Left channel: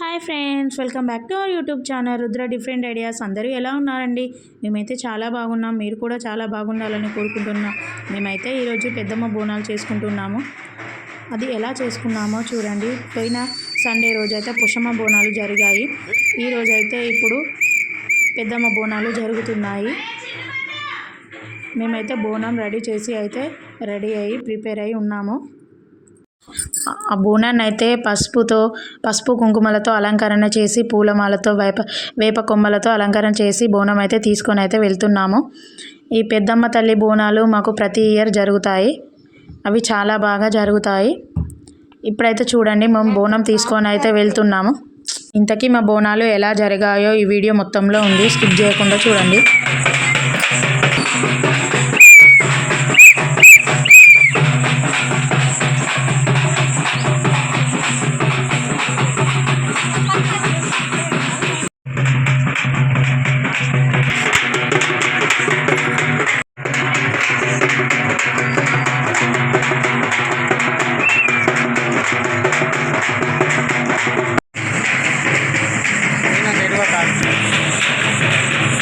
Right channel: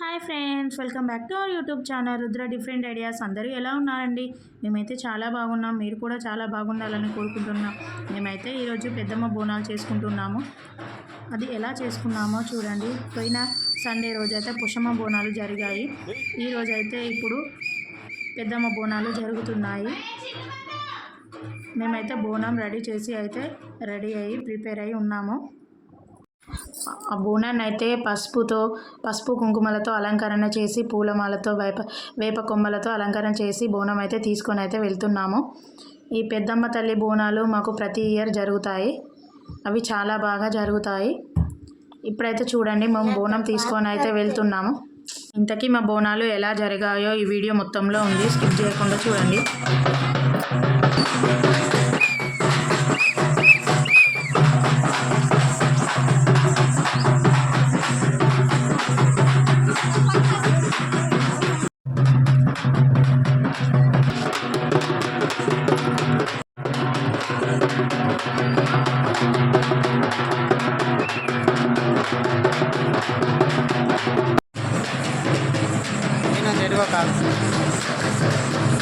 Hi friends welcome back to our YouTube channel Rudra different ideas. అందరూ ఎలా ఉన్నారండి? మేమైతే చాలా బాగున్నాం. మీరు కూడా చాలా బాగుండాలని కోరుకుంటున్నాం. మేమైతే ఈరోజు పెద్దమ్మ బోనాలు చేసుకుంటున్నాము. అది ఎలా చేసుకున్నామో చూడండి. పోయిన సండే రోజైతే పుషమ్మ బోనాలు జరిగాయి. ఈరోజైతే ఇప్పుడు పెద్దమ్మ బోనాలు జరుగుతున్నాయి. మేమైతే బోనం రెడీ చేసి అయితే రెడీ అయ్యి ప్రిపేర్ అయి ఉన్నాము. ఆ బోనాన్ని అయితే పసుపుతో పసుపు కుంకుమలతో అలంకరణ చేసి పూలమాలతో వేప వేప కొమ్మలతో అలంకరణ చేసి బోనం అయితే తీసుకొని అయితే వెళ్తున్నాము. ఈ పెద్దమ్మ తల్లి బోనాలు మాకు ప్రతి ఇయర్ జరుగుతాయి. అవి చాలా బాగా జరుగుతాయి. ఇప్పుడైతే చూడండి మేము బోనం తీసుకొని అయితే వెళ్తున్నాము. ఇంతకీ మా బోనాలు ఎలా జరిగాయో ఈ వీడియో మొత్తంలో ఉంది. స్కిప్ చేయకుండా చూడండి. Obrigado.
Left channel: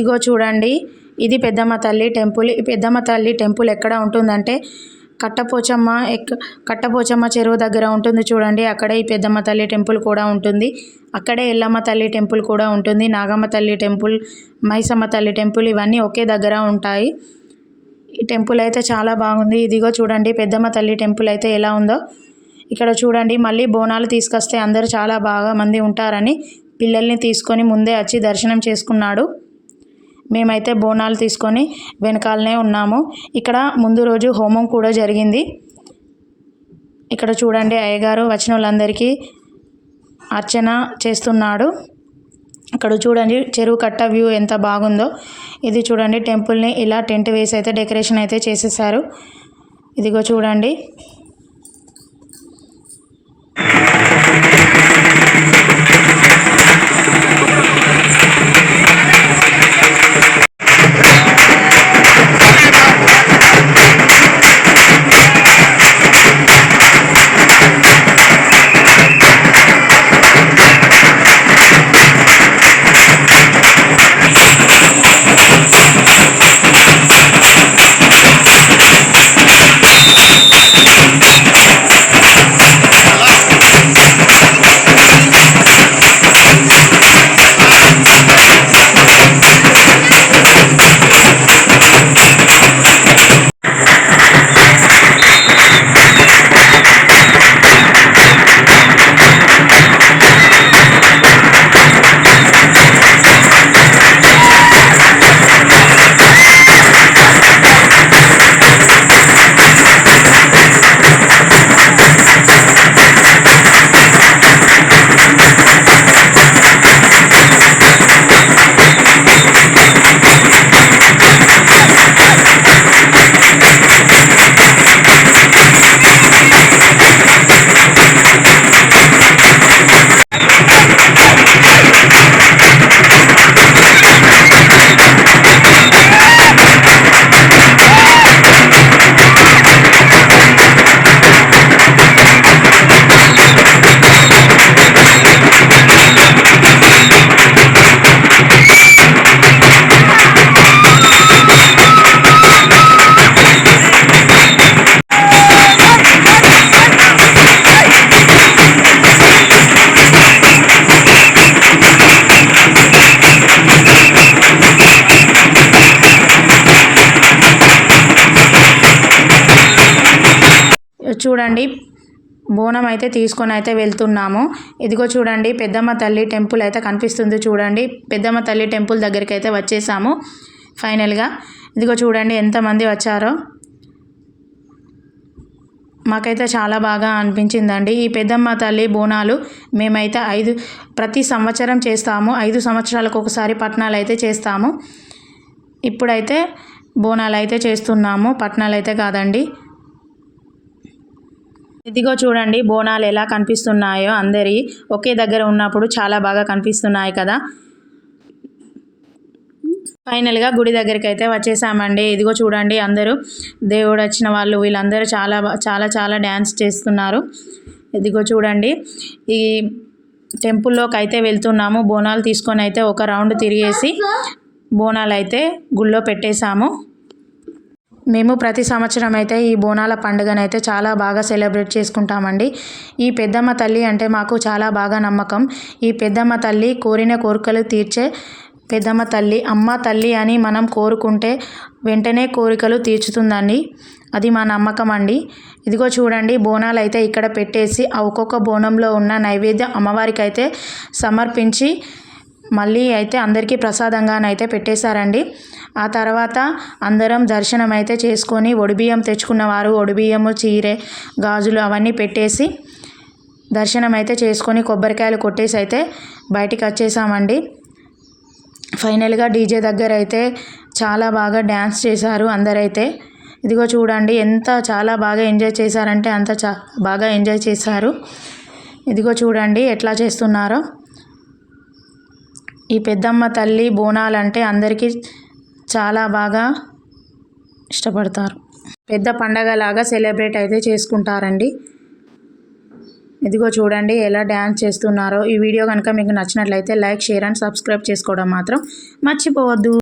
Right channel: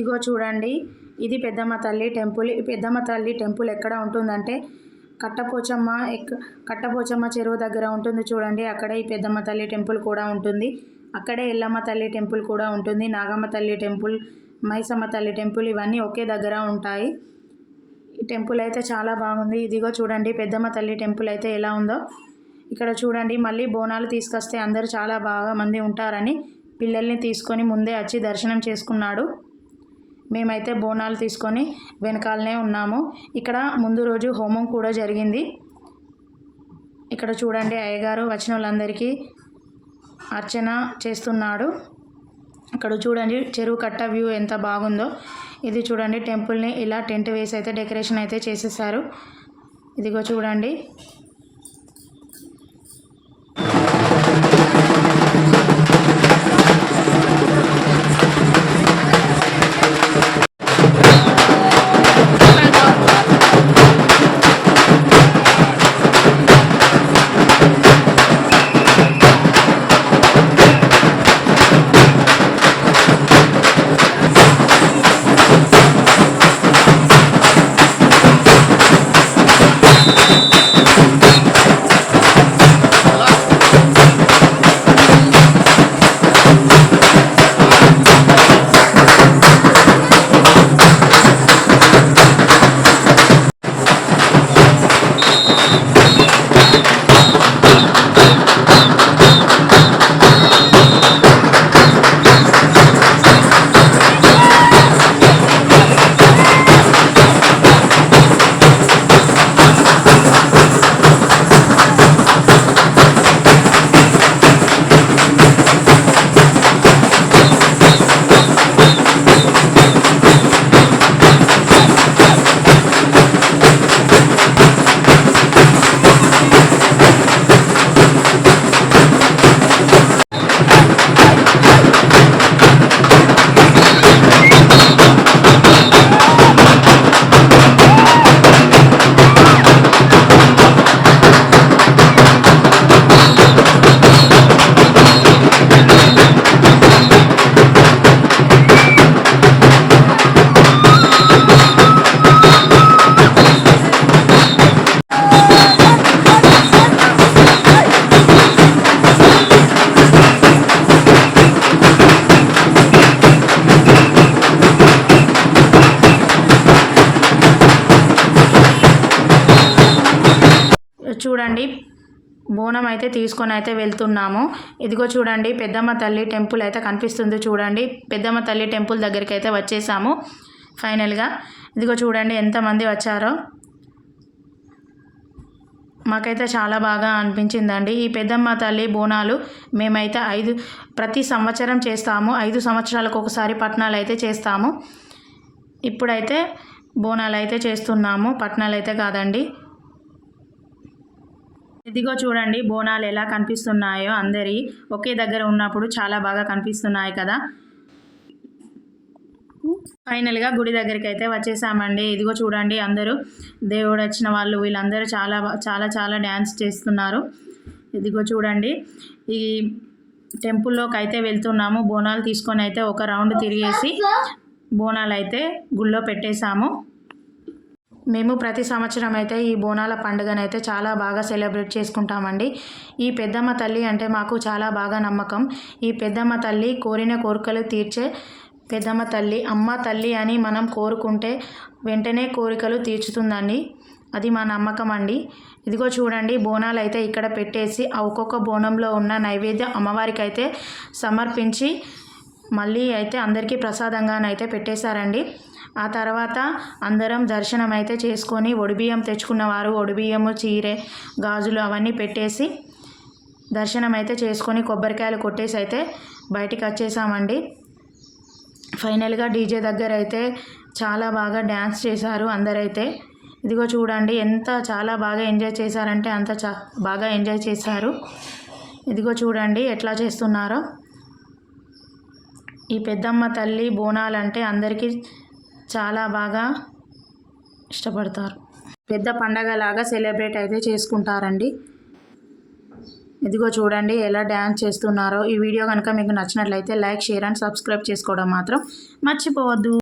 ఇదిగో చూడండి. ఇది పెద్దమ్మ తల్లి టెంపుల్. ఈ పెద్దమ్మ తల్లి టెంపుల్ ఎక్కడ ఉంటుందంటే కట్టపోచమ్మ ఎక్ కట్టపోచమ్మ చెరువు దగ్గర ఉంటుంది చూడండి. అక్కడే ఈ పెద్దమ్మ తల్లి టెంపుల్ కూడా ఉంటుంది. అక్కడే ఎల్లమ్మ తల్లి టెంపుల్ కూడా ఉంటుంది. నాగమ్మ తల్లి టెంపుల్ మైసమ్మ తల్లి టెంపుల్ ఇవన్నీ ఒకే దగ్గర ఉంటాయి. ఈ టెంపుల్ అయితే చాలా బాగుంది. ఇదిగో చూడండి. పెద్దమ్మ తల్లి టెంపుల్ అయితే ఎలా ఉందో. ఇక్కడ చూడండి. మళ్ళీ బోనాలు తీసుకొస్తే అందరూ చాలా బాగా మంది ఉంటారని పిల్లల్ని తీసుకొని ముందే వచ్చి దర్శనం చేసుకున్నాడు. మేమైతే బోనాలు తీసుకొని వెనకాలనే ఉన్నాము. ఇక్కడ ముందు రోజు హోమం కూడా జరిగింది. ఇక్కడ చూడండి అయ్యగారు వచ్చిన వాళ్ళందరికీ అర్చన చేస్తున్నాడు. అక్కడ చూడండి చెరువు కట్ట వ్యూ ఎంత బాగుందో. ఇది చూడండి టెంపుల్ని ఇలా టెంట్ వేసి అయితే డెకరేషన్ అయితే చేసేసారు. ఇదిగో చూడండి. చూడండి. బోనం అయితే తీసుకొని అయితే వెళ్తున్నాము. ఇదిగో చూడండి పెద్దమ్మ తల్లి టెంపుల్ అయితే కనిపిస్తుంది చూడండి. పెద్దమ్మ తల్లి టెంపుల్ దగ్గరికి అయితే వచ్చేసాము ఫైనల్గా ఇదిగో చూడండి ఎంతమంది వచ్చారో. మాకైతే చాలా బాగా అనిపించిందండి. ఈ పెద్దమ్మ తల్లి బోనాలు మేమైతే ఐదు ప్రతి సంవత్సరం చేస్తాము. ఐదు సంవత్సరాలకు ఒకసారి పట్నాలు అయితే చేస్తాము. ఇప్పుడైతే బోనాలు అయితే చేస్తున్నాము. పట్నాలు అయితే కాదండి. ఇదిగో చూడండి బోనాలు ఎలా కనిపిస్తున్నాయో అందరి ఒకే దగ్గర ఉన్నప్పుడు చాలా బాగా కనిపిస్తున్నాయి కదా. ఫైనల్గా గుడి దగ్గరికి అయితే వచ్చేసామండి. ఇదిగో చూడండి అందరూ దేవుడు వచ్చిన వాళ్ళు వీళ్ళందరూ చాలా చాలా చాలా డ్యాన్స్ చేస్తున్నారు. ఇదిగో చూడండి ఈ టెంపుల్లోకి అయితే వెళ్తున్నాము. బోనాలు తీసుకొని అయితే ఒక రౌండ్ తిరిగేసి బోనాలు అయితే గుళ్ళో పెట్టేశాము. మేము ప్రతి సంవత్సరం అయితే ఈ బోనాల పండుగను అయితే చాలా బాగా సెలబ్రేట్ చేసుకుంటామండి. ఈ పెద్దమ్మ తల్లి అంటే మాకు చాలా బాగా నమ్మకం. ఈ పెద్దమ్మ తల్లి కోరిన కోరికలు తీర్చే పెద్దమ్మ తల్లి అమ్మ తల్లి అని మనం కోరుకుంటే వెంటనే కోరికలు తీర్చుతుందండి. అది మా నమ్మకం అండి ఇదిగో చూడండి బోనాలు అయితే ఇక్కడ పెట్టేసి ఆ ఒక్కొక్క బోనంలో ఉన్న నైవేద్యం అమ్మవారికి అయితే సమర్పించి మళ్ళీ అయితే అందరికీ ప్రసాదంగానైతే పెట్టేశారండి. ఆ తర్వాత అందరం దర్శనం అయితే చేసుకొని ఒడిబియ్యం తెచ్చుకున్నవారు ఒడిబియ్యము చీరే గాజులు అవన్నీ పెట్టేసి దర్శనం అయితే చేసుకొని కొబ్బరికాయలు కొట్టేసి అయితే బయటికి వచ్చేసామండి. ఫైనల్గా డీజే దగ్గర అయితే చాలా బాగా డ్యాన్స్ చేశారు అందరైతే. ఇదిగో చూడండి ఎంత చాలా బాగా ఎంజాయ్ చేశారంటే అంత చా బాగా ఎంజాయ్ చేశారు. ఇదిగో చూడండి ఎట్లా చేస్తున్నారో. ఈ పెద్దమ్మ తల్లి బోనాలంటే అందరికీ చాలా బాగా ఇష్టపడతారు. పెద్ద పండగలాగా సెలబ్రేట్ అయితే చేసుకుంటారండి. ఇదిగో చూడండి ఎలా డ్యాన్స్ చేస్తున్నారో. ఈ వీడియో కనుక మీకు నచ్చినట్లయితే లైక్ షేర్ అండ్ సబ్స్క్రైబ్ చేసుకోవడం మాత్రం మర్చిపోవద్దు.